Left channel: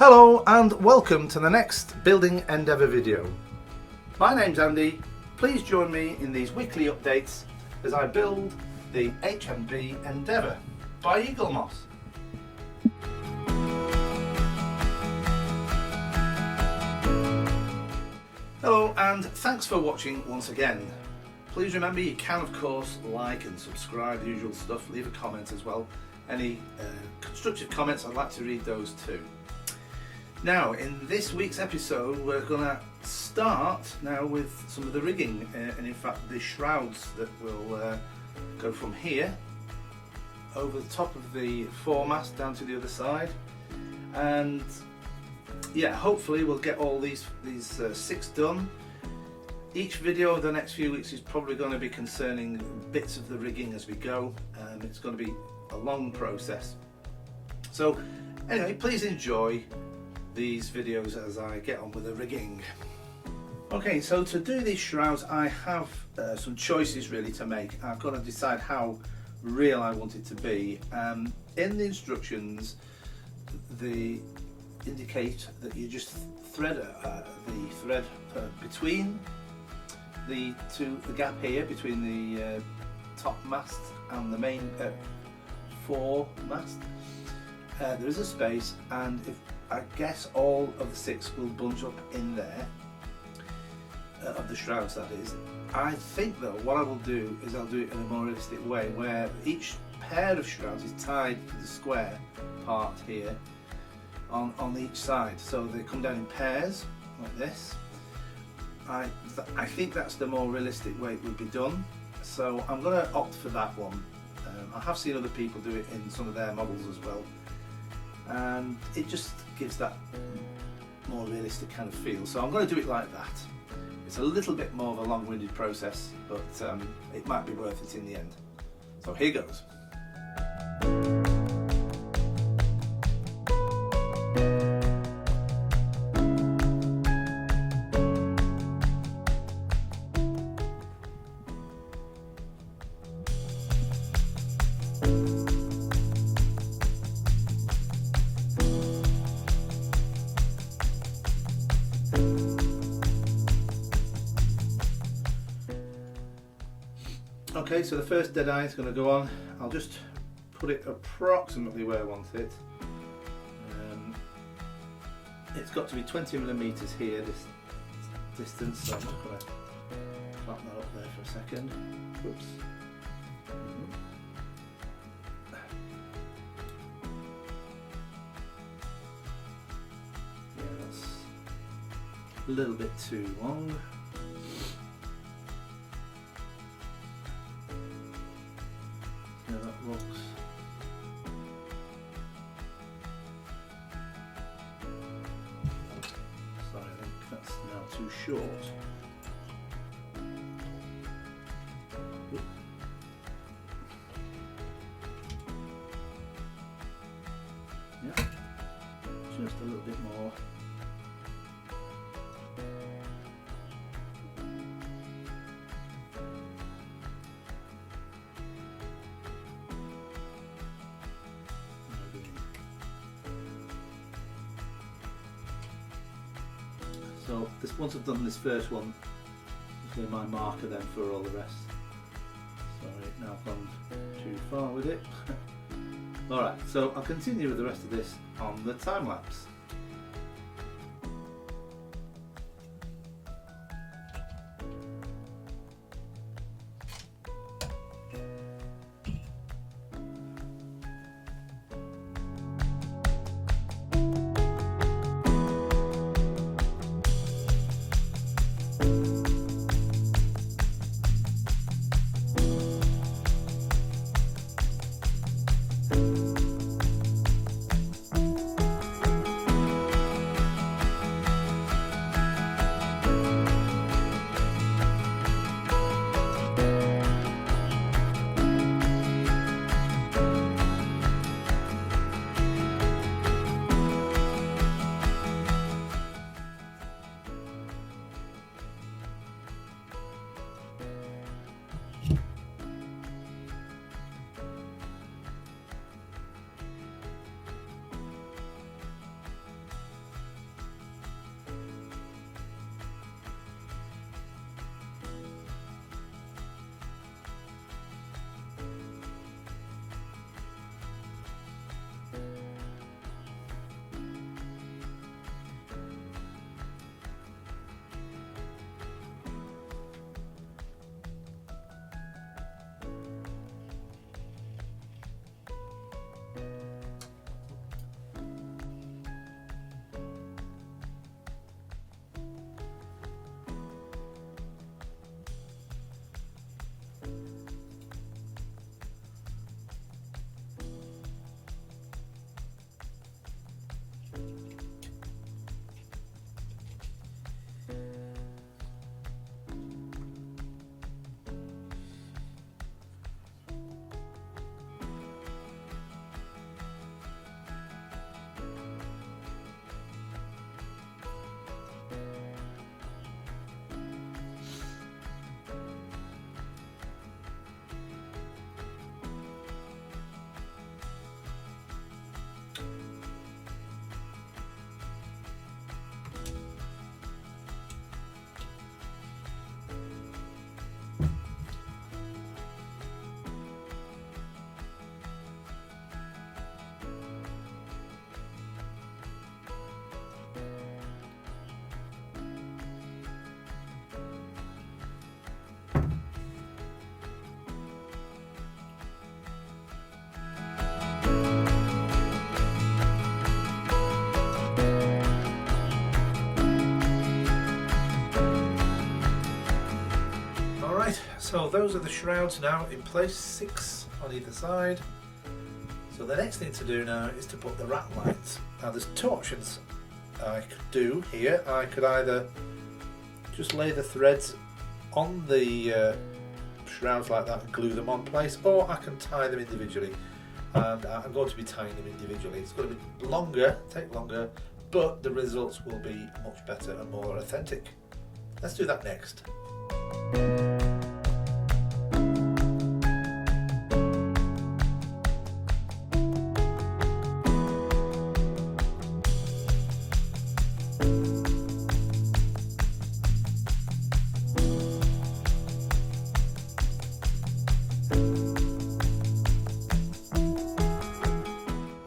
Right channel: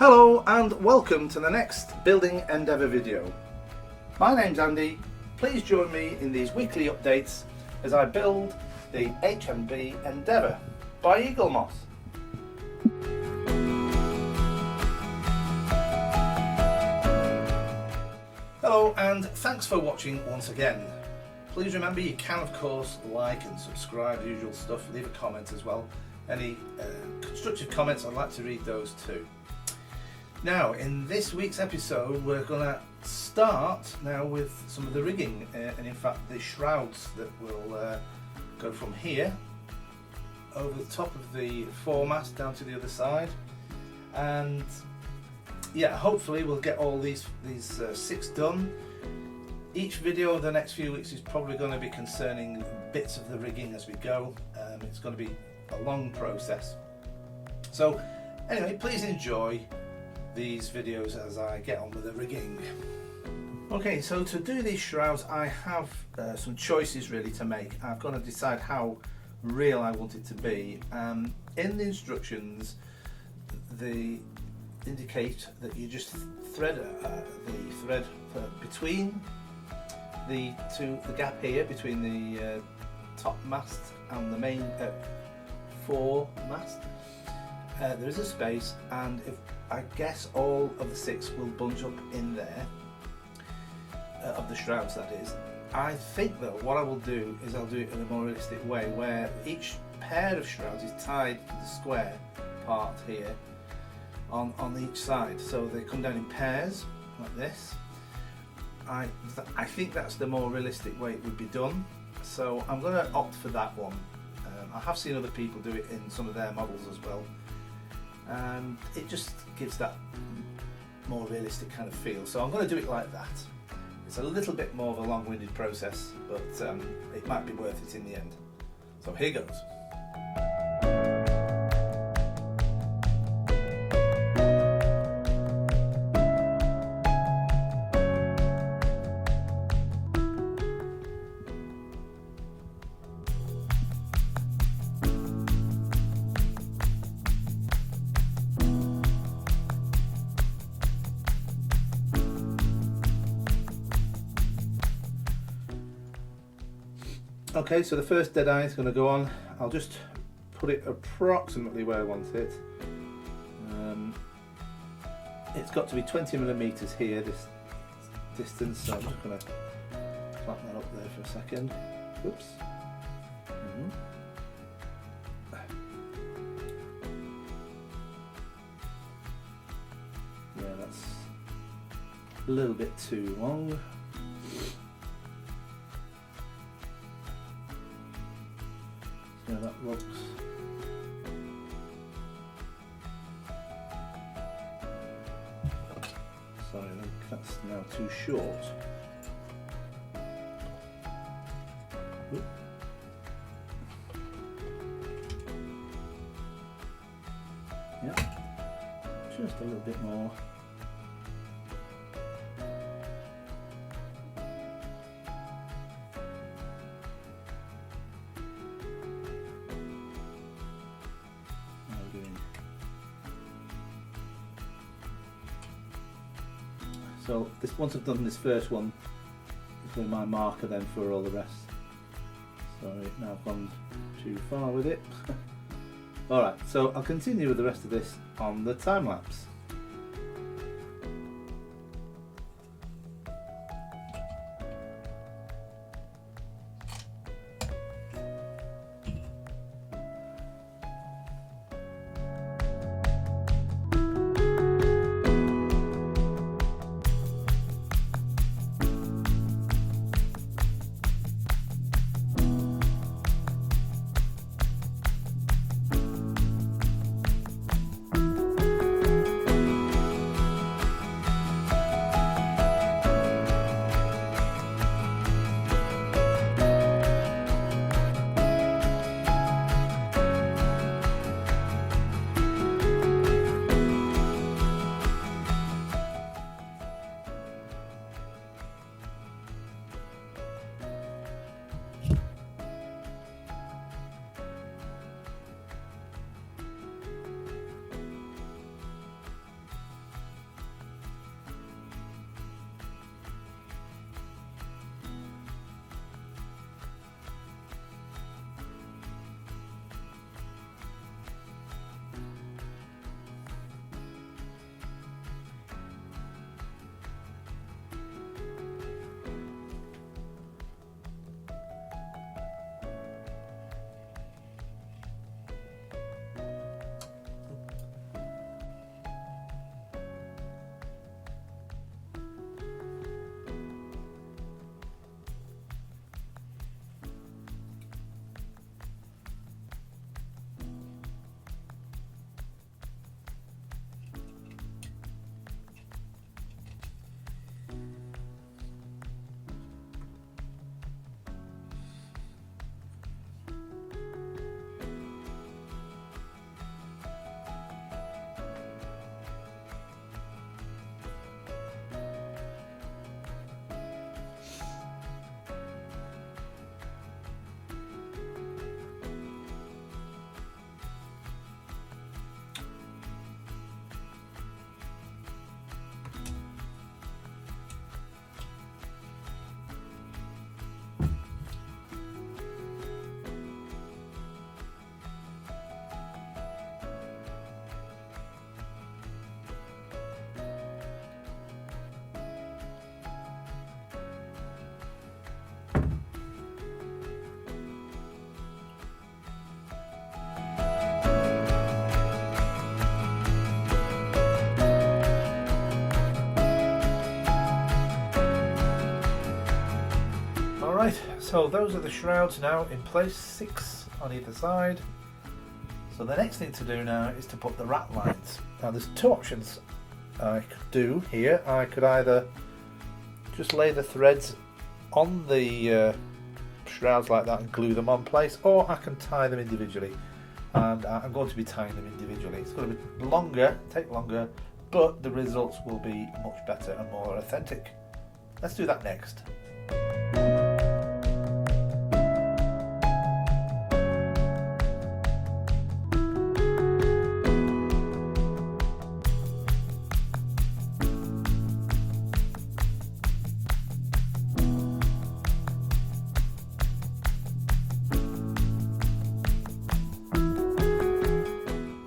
Hello and welcome to the next Building Endeavour video. My name's Andy. Please join me in these weekly updates as I build the HMB Endeavour by Eagle Moss. Hello and thanks for watching once again. Please remember you can of course like and subscribe, usual stuff, leave a comment as well. Any constructive comments, I'd like to read those too. Now, in this week's episode, we're going to start now with some of the rigging, and in fact the shrouds that will go from here over the top of the foremast down to the other side, and yeah, hopefully we'll get all these 6 done. Each video of the next few weeks is probably going to be concerning bits of the rigging as we go. It's going to be a long process. So anyway, please enjoy these videos as I get on with the rigging. Okay, so to do these shrouds I have some choices really to make. I've got to decide how real I want it to be. In the instructions they indicate that you just thread the thread between the gap here between the top mast and the main foremast. There is a space, and I guess all of the 6 will bunch up in there, of the shrouds that is. I think though what I will do is I'll do it in a more realistic way where each pair of shrouds is tied to the square part here on each side, so they come down in pairs like this. I think that's the more realistic way it would be done, so I'm going to opt for that one. I have seen other people do it in some of their models as well, and it just gives that more realistic kind of feel, so I'm going to do it like that. It's a little bit more of a long-winded process, but it might be worth it in the end. So here goes. Okay, so the first dead eye is going to go on. I'll just put it approximately where I want it. It's got to be 20mm here, this distance, so I'm just going to clap that up there for a second. Oops. Yeah, that's a little bit too long. Yeah, that looks. Sorry, I think that's now too short. Oop. Yeah, just a little bit more. So once I've done this first one, it's going to be my marker then for all the rest. Sorry, now I've gone too far with it. Alright, so I'll continue with the rest of this on the time lapse. So those are the shrouds now in place, 6 on either side. So the next thing to do now is to put the ratlines. Now there's 2 options I could do here. I could either just lay the threads on the shrouds like that and glue them on place, or I can tie them individually, and I'm going to be tying them individually. It's going to be longer, take longer, but the results will be much better and more authentic. Let's do that next.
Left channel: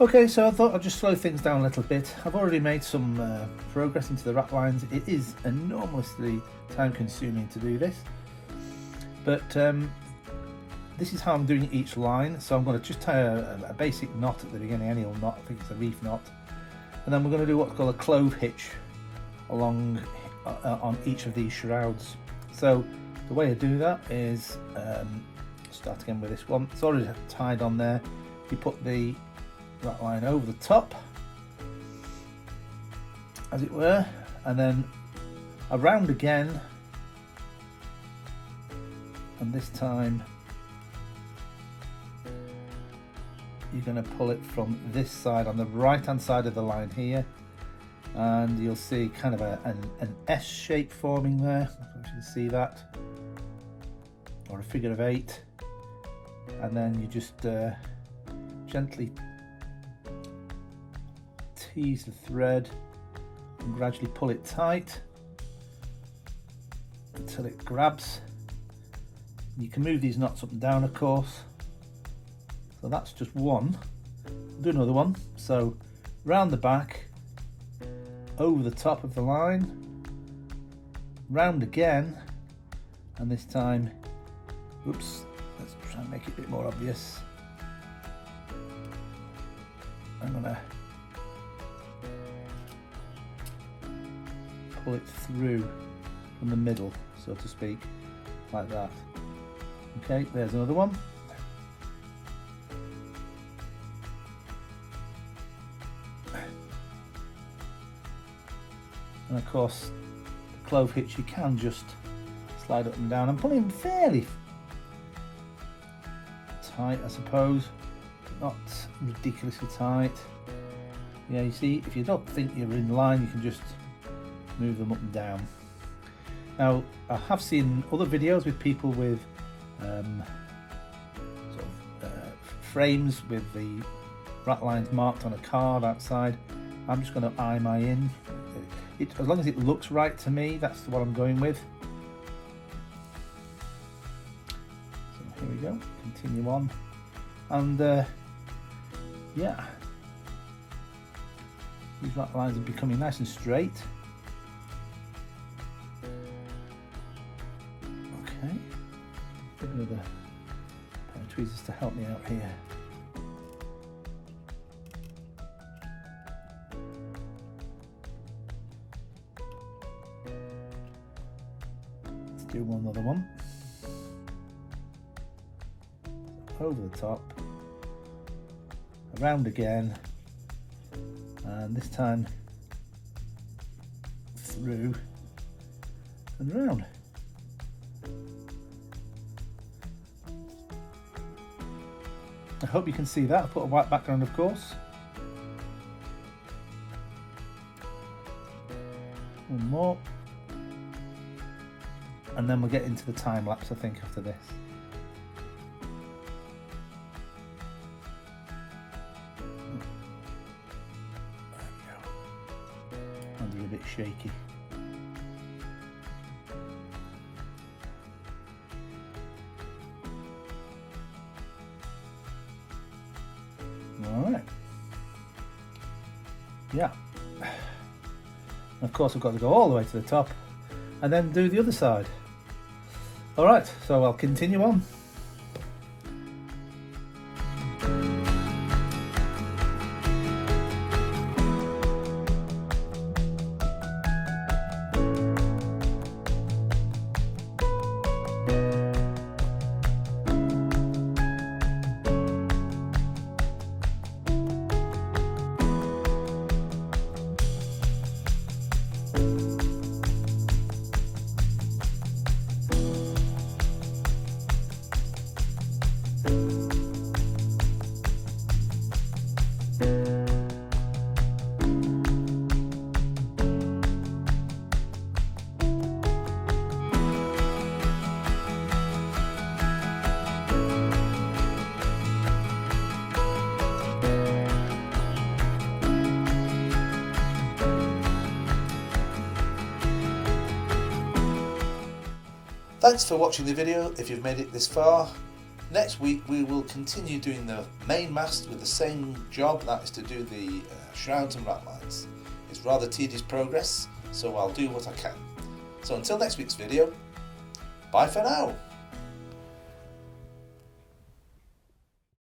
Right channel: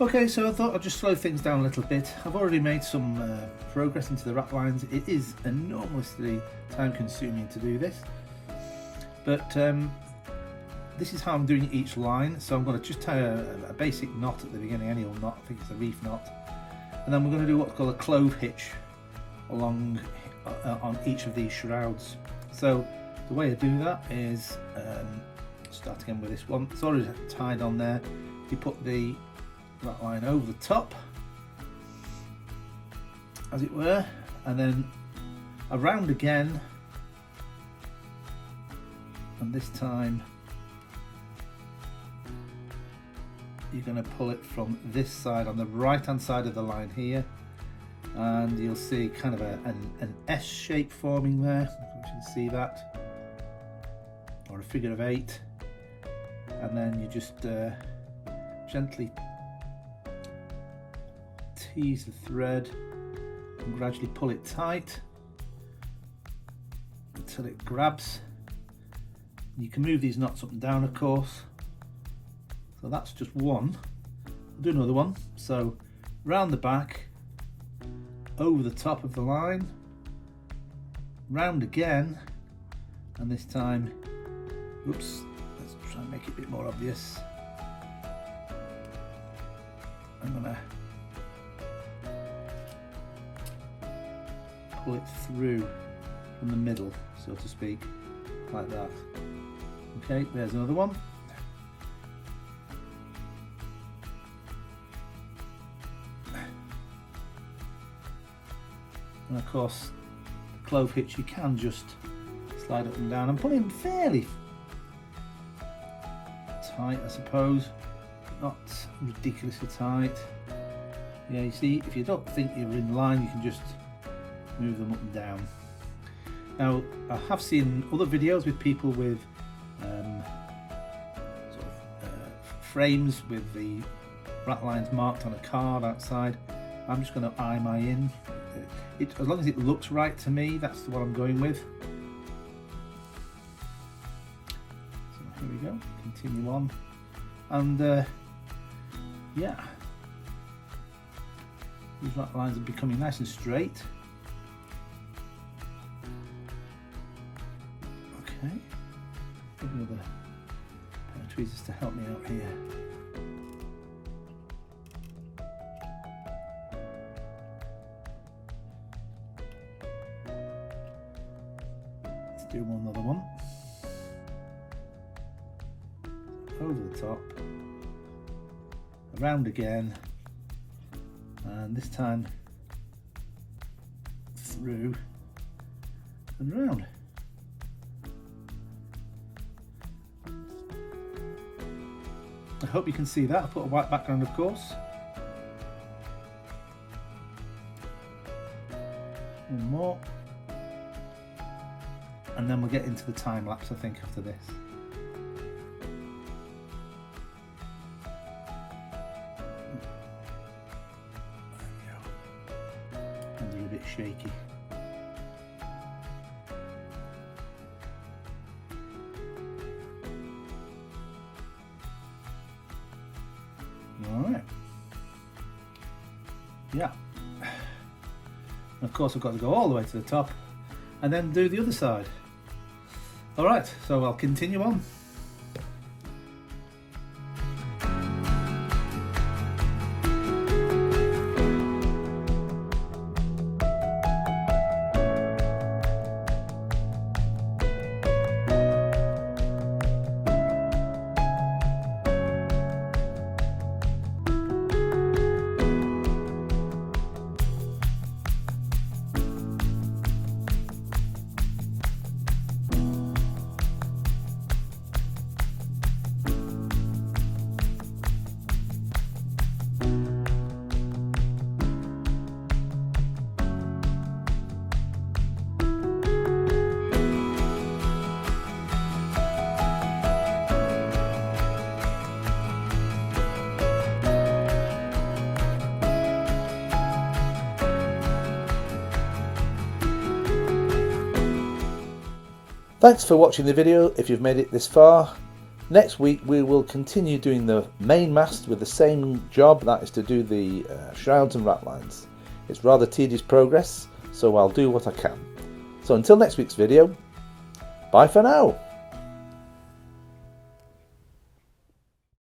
Okay, so I thought I'd just slow things down a little bit. I've already made some progress into the ratlines. It is enormously time consuming to do this, but this is how I'm doing each line. So I'm going to just tie a basic knot at the beginning, any old knot, I think it's a reef knot, and then we're going to do what's called a clove hitch along on each of these shrouds. So the way I do that is, start again with this one. It's already tied on there. You put the ratline over the top, as it were, and then around again, and this time you're going to pull it from this side on the right hand side of the line here, and you'll see kind of an S shape forming there. You can see that, or a figure of 8, and then you just gently tease the thread and gradually pull it tight until it grabs. You can move these knots up and down, of course. So that's just one. I'll do another one. So round the back, over the top of the line, round again, and this time, oops, let's try and make it a bit more obvious. I'm gonna pull it through from the middle, so to speak, like that. Okay, there's another one. And of course, the clove hitch, you can just slide up and down. I'm pulling fairly tight, I suppose, but not ridiculously tight. Yeah, you see, if you don't think you're in line, you can just move them up and down. Now, I have seen other videos with people with frames with the ratlines marked on a card outside. I'm just going to eye my in. As long as it looks right to me, that's what I'm going with. So here we go, continue on, and yeah, these ratlines are becoming nice and straight. Okay, give another pair of tweezers to help me out here. Let's do another one. Over the top, around again, and this time through and around. I hope you can see that. I put a white background, of course. One more. And then we'll get into the time lapse, I think, after this. There we go. And they're a bit shaky. Alright. Yeah. And of course, I've got to go all the way to the top and then do the other side. Alright, so I'll continue on. Thanks for watching the video if you've made it this far. Next week we will continue doing the main mast with the same job, that is to do the shrouds and ratlines. It's rather tedious progress, so I'll do what I can. So until next week's video, bye for now.